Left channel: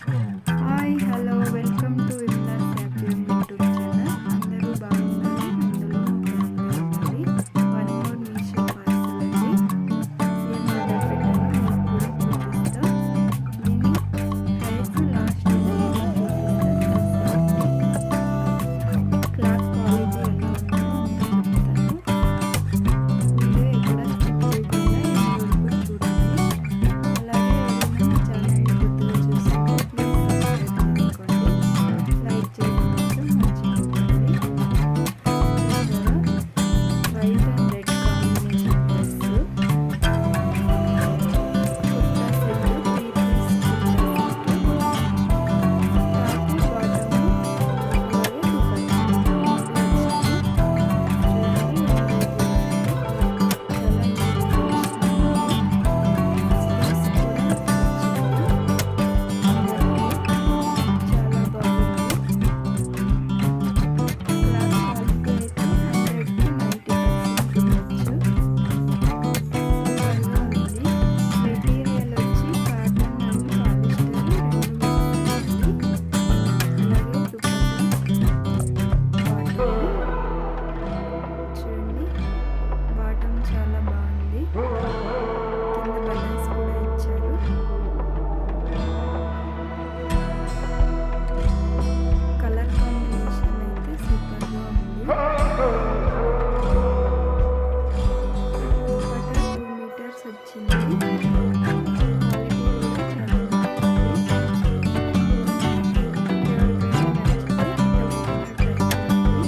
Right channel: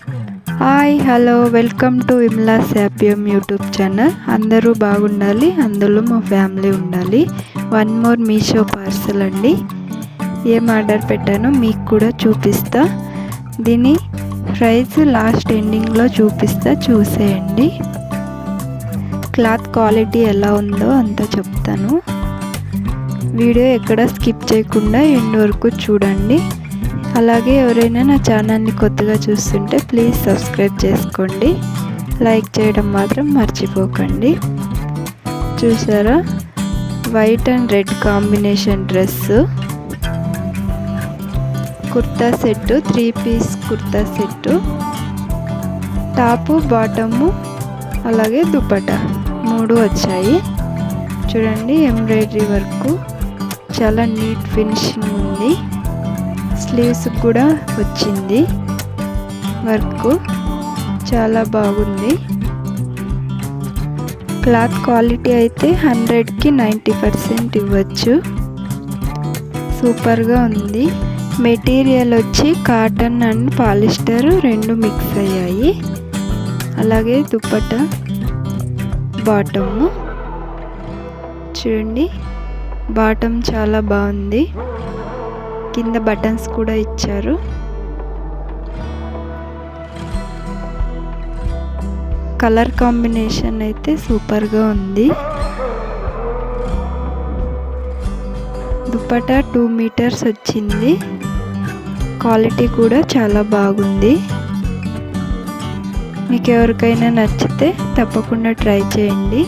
Hi hello welcome to Vimala's happy home YouTube channel. అందరూ బాగుండాలి, అందులో మా ఫ్యామిలీ ఉండాలి. వన్ మోర్ మీషో పార్సల్ అండి. ఏం ఆర్డర్ పెట్టానో మీకు కూడా చూపిస్తా. దీని ప్రైస్ లాస్ట్ ఎండింగ్లో చూపిస్తా, చూసేయండి. క్లాత్ క్వాలిటీ ఎలా ఉందో అంతా చెప్తాను. వీడియో ఎక్కడ స్కిప్ చేయకుండా ఎండ్ వరకు చూడండి. అలాగే ఎవరైనా నా ఛానల్ని కొత్తగా చూస్తుంటే ప్లీజ్ సబ్స్క్రైబ్ చేసుకోండి. లైక్ చేయడం మాత్రం మర్చిపోకండి. చూసారా, white and red combination dress, kurta set, 3 piece kurta set, top bottom అలాగే దుపట్టా 3 వచ్చాయి. చూడండి, ఎంబ్రాయిడరీ వర్క్ చాలా నీట్ ఫినిషింగ్ ఉంది. స్లీవ్స్ కూడా వచ్చింది, వర్క్ చాలా బాగుంది. క్లాత్ క్వాలిటీ అయితే 100కి 90% ఇవ్వచ్చు. సూపర్గా ఉంది. మెటీరియల్ వచ్చి కాటన్ అండ్ పాలిస్టర్ 2 మిక్స్ అయ్యాయి. అలాగే దుపట్టా బాటము చూడండి, బాటమ్ చాలా బాగుంది. కింద బటన్స్ కూడా ఇచ్చారు. కలర్ కాంబినేషన్ అయితే సూపర్గా ఉంది. దుపట్టా 2 మీటర్స్ వచ్చింది. క్వాలిటీ కూడా చాలా బాగుంది. మీకు ఎవరికైనా నచ్చితే తప్పకుండా ట్రై చేయండి.